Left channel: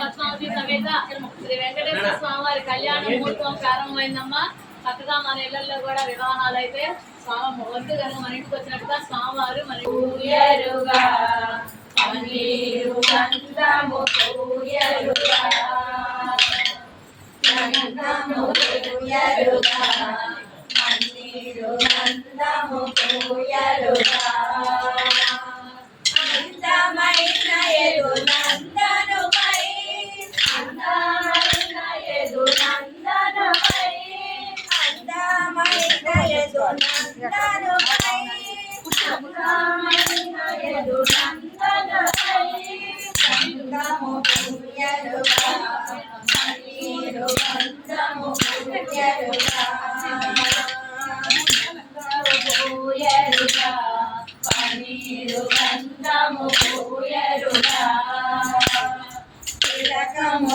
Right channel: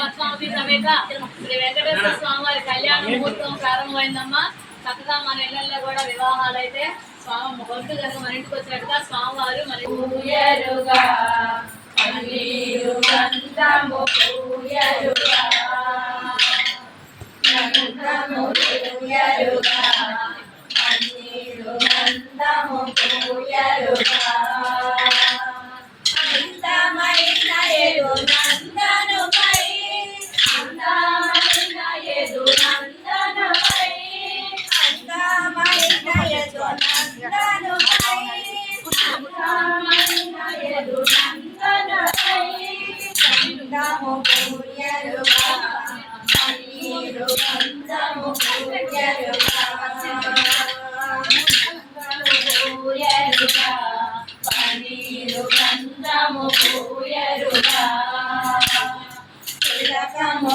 పద్మావతి సమేత శ్రీ వెంకటేశ్వర స్వామి వారి కళ్యాణ ముహూర్తం ప్రారంభమైందమ్మా. చక్కగా మన ఇళ్లలో కూడా వివాహాలు అయితే స్వామి వద్దు కనుక మన ఇంటికి వచ్చినట్టుగా స్వామివారు మన తిలకము